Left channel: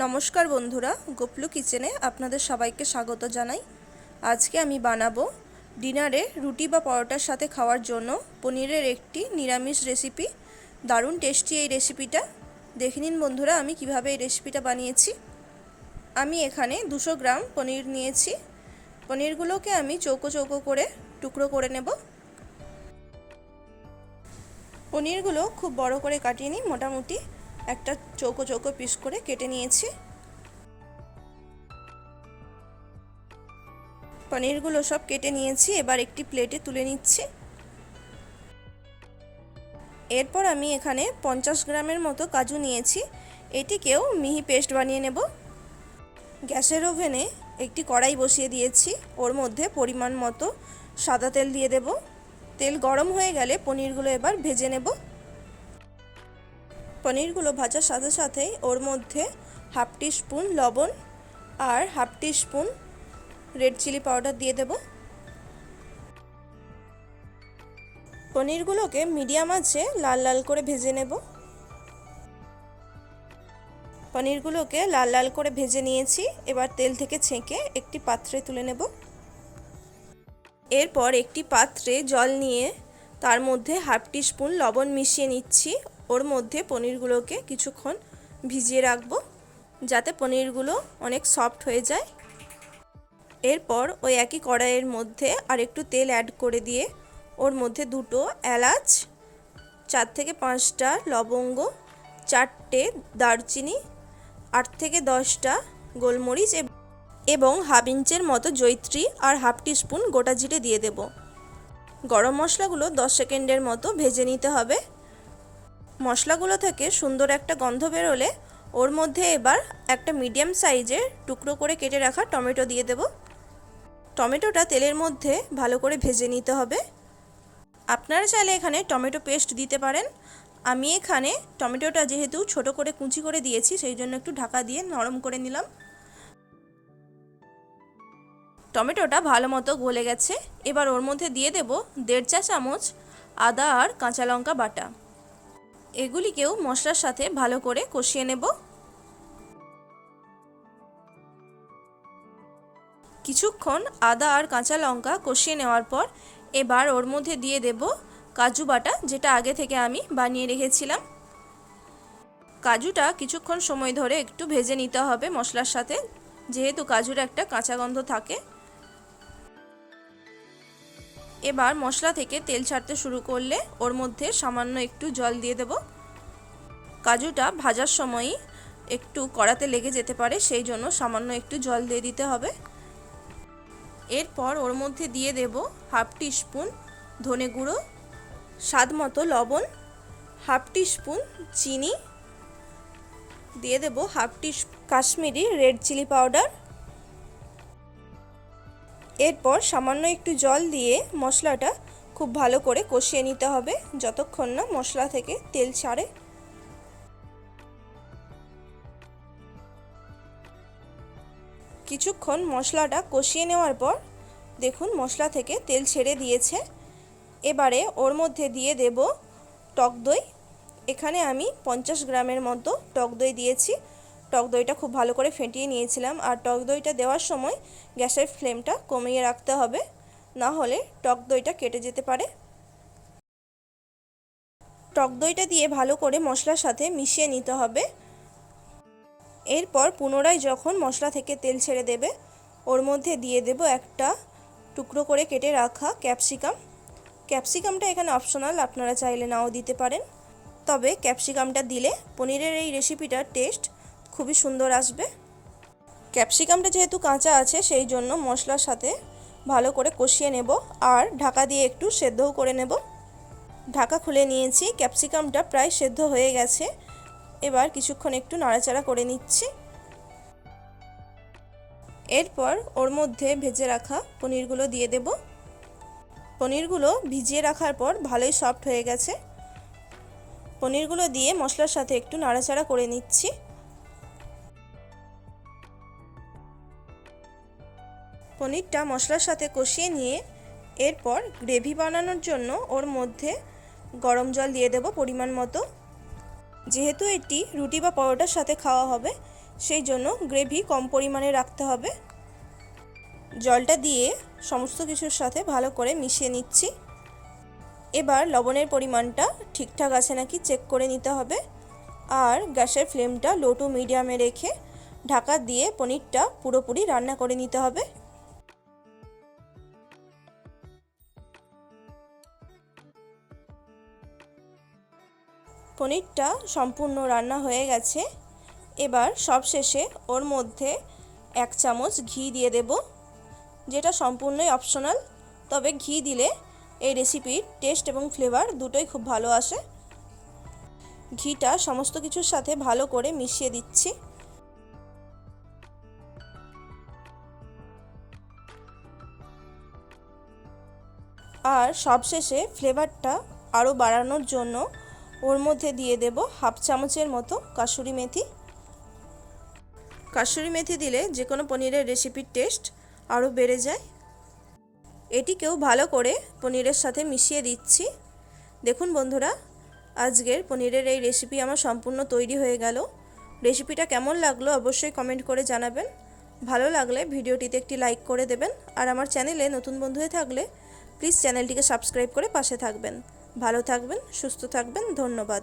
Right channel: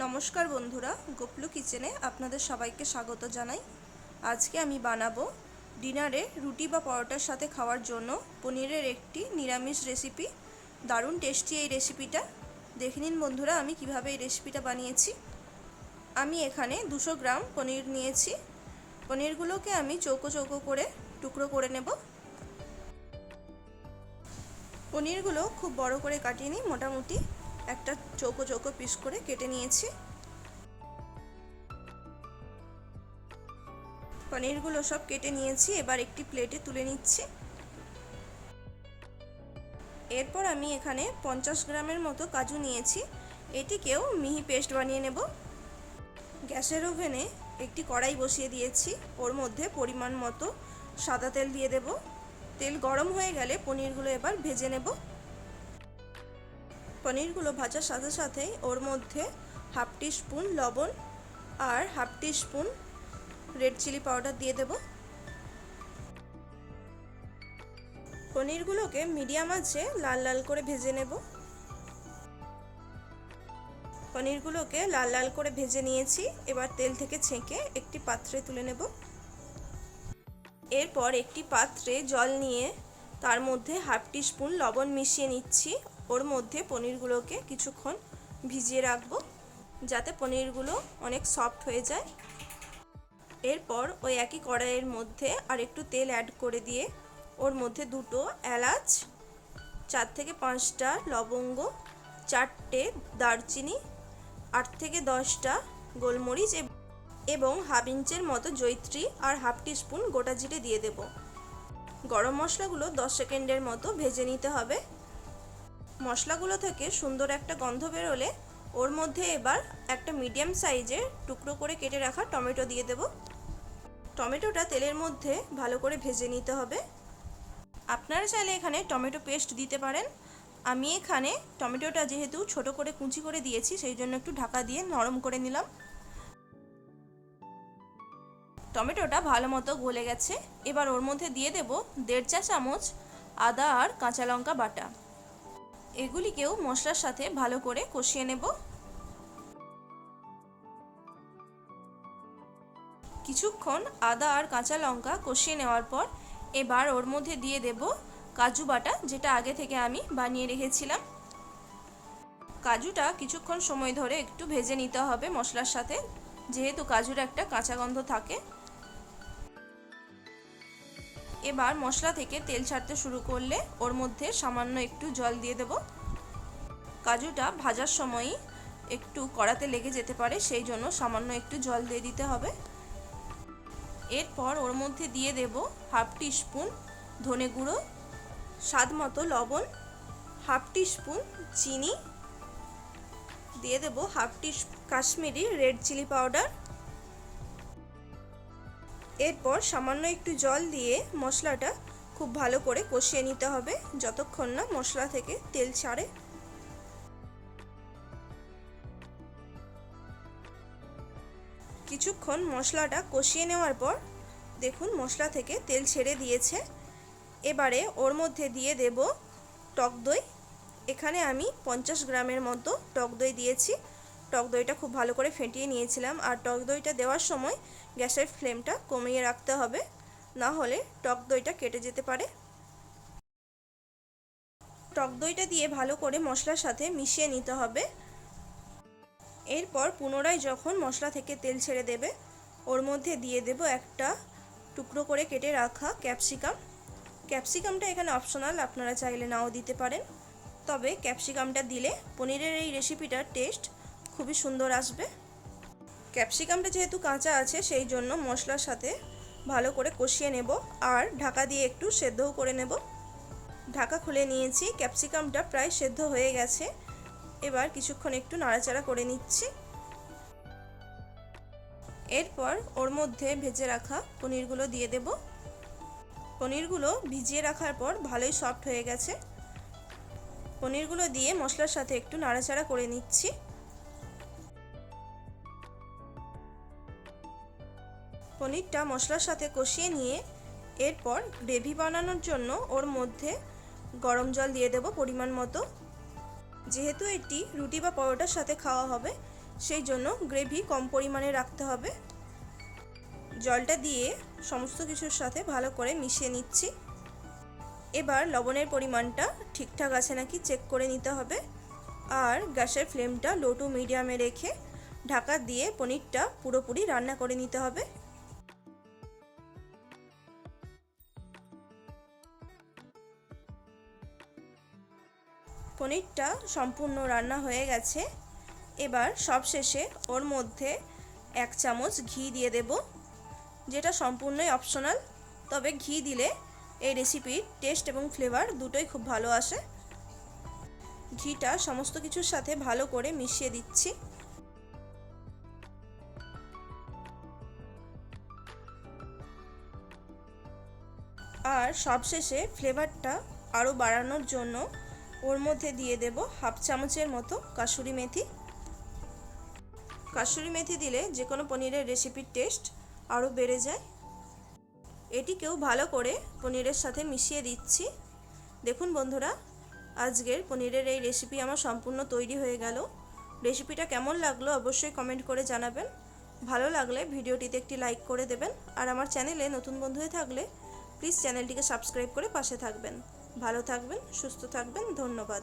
নমস্কার বন্ধুরা, গোপলু কিচেনে আপনাদের সবাইকে স্বাগত জানাই। আজকে আমি বানাবো ডিনারে রুটি বা পরোটার সাথে খাওয়ার জন্য পনিরের একটি নিরামিষ রেসিপি। দারুণ টেস্টি এই রেসিপিটা। দেখে নিন বন্ধুরা আমি কিভাবে এই রেসিপিটা বানিয়েছি। আমি এখানে 200 গ্রাম পনির নিয়েছি। পনিরগুলোকে আমি চৌকো চৌকো করে টুকরো করে নেব। পনিরগুলো খুব বড় করে কাটিয়ে নিই, মোটামুটি একটা চৌকো চৌকো পিস করে কেটে নিয়েছি। পনিরগুলো সব কেটে নিয়েছি, এবার একটি প্লেটে তুলে নিচ্ছি। এরপর আমি এখানে 50 গ্রামের মতো কাজু নিয়েছি, এটিকেও মিহি পেস্ট বানিয়ে নেব। গ্যাসের ওভেনে একটি কড়াই বসিয়ে দিয়েছি, ওর মধ্যে পরিমাণ মতো সাদা তেল দিয়ে দেব। তেল গরম হয়ে গেলে পনিরগুলো এবার ভেজে নেব। পনিরগুলো ভাজার সাথে সাথেই ওর মধ্যে হাফ টিস্পুন লবণ আর half teaspoon red chilli powder দিয়ে দেব। পনিরগুলোকে মিডিয়াম আঁচে লাল লাল করে ভেজে নেব। পনিরগুলোকে লাল লাল করে ভেজে নিয়েছি, এবার তেল থেকে ছেঁকে একটি পাত্রে তুলে নেব। এরপর একটি পাত্রে জল নিয়ে তার মধ্যে হাফ টিস্পুন লবণ মিশিয়ে নিচ্ছি। ওর মধ্যে পনিরগুলোকে কিছুক্ষণ ভিজিয়ে রাখবো, যাতে পনিরগুলো অনেক সফট হয়ে যায়। এরপর ওই একই কড়াইয়ের মধ্যে আর একটু তেল অ্যাড করে দিয়ে ওর মধ্যে 2টো এলাচ, 4 থেকে 5টা লবঙ্গ, 4টে দারচিনি, 8 থেকে 10টা গোলমরিচ এবং হাফ ইঞ্চের মতো জয়িত্রী আর হাফ টিস্পুন গোটা জিরে দিয়ে দেব। গরম মশলাগুলো 10 সেকেন্ডের মতো ভেজে নিতে হবে। মশলাগুলো থেকে সুন্দর একটা গন্ধ বেরোলে ওর মধ্যে এবার একটা মিডিয়াম সাইজের টুকরো করে কেটে রাখা টমেটো দিয়ে দেব। টমেটোটা তেলের মধ্যে ভালো করে ভেজে নিতে হবে। আপনারা চাইলে এখানে টমেটো পেস্ট দিতে পারেন। আমি এখানে টমেটোটা যেহেতু ছোট করে কুচি করে দিয়েছি, সেই জন্য একটু ঢাকা দিয়ে নরম করে নিলাম। টমেটোটা ভালো মতো গলে গেছে, এবার ওর মধ্যে দিয়ে দেব 1.5 চা চামচ আদা আর কাঁচা লঙ্কা বাটা। এগুলিকেও মশলার সাথে ভালো করে কষিয়ে নেব। কিছুক্ষণ আদা আর কাঁচা লঙ্কা কষিয়ে নেওয়ার পর এবার ওর মধ্যে দিয়ে দেব কাজু বাটা, যেটা আগে থেকে আমি বানিয়ে রেখেছিলাম। কাজুটা কিছুক্ষণ সময় ধরে একটু ভেজে নিতে হবে মশলার সাথে, যেহেতু কাজুর একটা কাঁচা গন্ধ থাকে। এবার মশলা থেকে তেল ছাড়তে শুরু করলে ওর মধ্যে সামান্য একটু জল দিয়ে দেব। কাজুটা ভাজার সময়ই একটু কড়াতে লেগে যেতে পারে, সেই জন্য সামান্য একটু জল দিয়ে দিতে হবে। এরপর ওর মধ্যে দিয়ে দেব হাফ টিস্পুন ধনে গুঁড়ো, স্বাদ মতো লবণ, হাফ টিস্পুন চিনি, দিয়ে দেব half teaspoon Kashmiri red chilli powder. এরপর সামান্য একটু জল দিয়ে মশলাটা খুব ভালো করে কষিয়ে নিতে হবে, যতক্ষণ না মশলা থেকে তেল ছাড়ে। কিছুক্ষণ মশলাটা কষিয়ে নেওয়ার পর দেখুন মশলা থেকে তেল ছেড়ে দিয়েছে। এবারে ওর মধ্যে দিয়ে দেব টক দই। এখানে আমি 50 গ্রামের মতো টক দই দিয়েছি। টক দইটা খুব ভালো করে ফেটিয়ে নিয়েছিলাম, আর টক দইটা দেওয়ার সময় গ্যাসের ফ্লেমটা কমিয়ে রাখতে হবে, না হলে টক দইটা কেটে যেতে পারে। টক দইটা দিয়ে ভালো করে মশলার সাথে মিশিয়ে নিতে হবে। এরপর পুনরায় যখন মশলা থেকে তেল ছেড়ে দেবে ওর মধ্যে দিয়ে দেব একটা টুকরো করে কেটে রাখা ক্যাপসিকাম। ক্যাপসিকামটা এখানে অপশনাল, আপনারা চাইলে নাও দিতে পারেন, তবে ক্যাপসিকামটা দিলে পনিরের এই রেসিপিটার টেস্ট খুবই সুন্দর আসবে। ক্যাপসিকামটা যেহেতু কাঁচা আছে, সেই জন্য মশলার সাথে ভালো করে কষিয়ে নেব আর ঢাকা দিয়ে একটু সেদ্ধও করে নেব। ঢাকা খুলে নিয়েছি, ক্যাপসিকামটা প্রায় সেদ্ধ হয়ে গেছে। এবার কিছুক্ষণ একটু নাড়াচাড়া করে নিচ্ছি। এরপর ওর মধ্যে ভেজে রাখা পনিরগুলো দিয়ে দেব। পনিরগুলো ভিজিয়ে রাখার পর ভালোই সফট হয়ে গেছে। পনিরগুলো দিয়ে মশলার সাথে একটু নাড়াচাড়া করে নিচ্ছি। পনিরটা মশলার সাথে কষিয়ে নিয়ে এরপর গ্রেভি বানানোর জন্য ওর মধ্যে গরম জল দিয়ে দেব পরিমাণ মতো। যেহেতু এটি রুটি বা পরোটার সাথে খাওয়া হবে, সেই জন্য গ্রেভি কম পরিমাণে রাখতে হবে। জলটা দিয়ে সমস্ত কিছুর সাথে ভালো করে মিশিয়ে নিচ্ছি। এবার লবণের পরিমাণটা ঠিকঠাক আছে নাকি চেক করে নিতে হবে। আর গ্যাসের ফ্লেমটা লো টু মিডিয়ামে রেখে ঢাকা দিয়ে পনিরটা পুরোপুরি রান্না করে নিতে হবে। পনিরটা সম্পূর্ণ রান্না হয়ে গেছে। এবার সবশেষে ওর মধ্যে 1 চামচ ঘি দিয়ে দেব, যেটা সম্পূর্ণই অপশনাল, তবে ঘি দিলে এই রেসিপির টেস্ট এবং ফ্লেভার দুটোই খুব ভালো আসে। ঘিটা সমস্ত কিছুর সাথে ভালো করে মিশিয়ে দিচ্ছি। আর সবশেষে ফ্লেভারটা আরও বাড়ানোর জন্য ওর মধ্যে দিয়ে দেব 1/2 চামচের মতো কাসুরি মেথি। কাসুরি মেথি দিলে যে কোনো পনিরের রেসিপির টেস্ট আরও বেড়ে যায়। এটিকেও ভালো করে পনিরের সাথে মিশিয়ে দিচ্ছি। দেখুন বন্ধুরা, আজকের পনিরের এই রেসিপি আমার সম্পূর্ণ তৈরি হয়ে গেল। রেসিপিটা কেমন লাগলো অবশ্যই কমেন্ট করে জানাবেন। ভালো লাগলে ভিডিওটিতে একটি লাইক করে দেবেন। আর আমার চ্যানেলে নতুন বন্ধু হয়ে থাকলে প্লিজ চ্যানেলটিকে সাবস্ক্রাইব করে পাশে থাকবেন। ভালো থাকবেন, সুস্থ থাকবেন, ধন্যবাদ।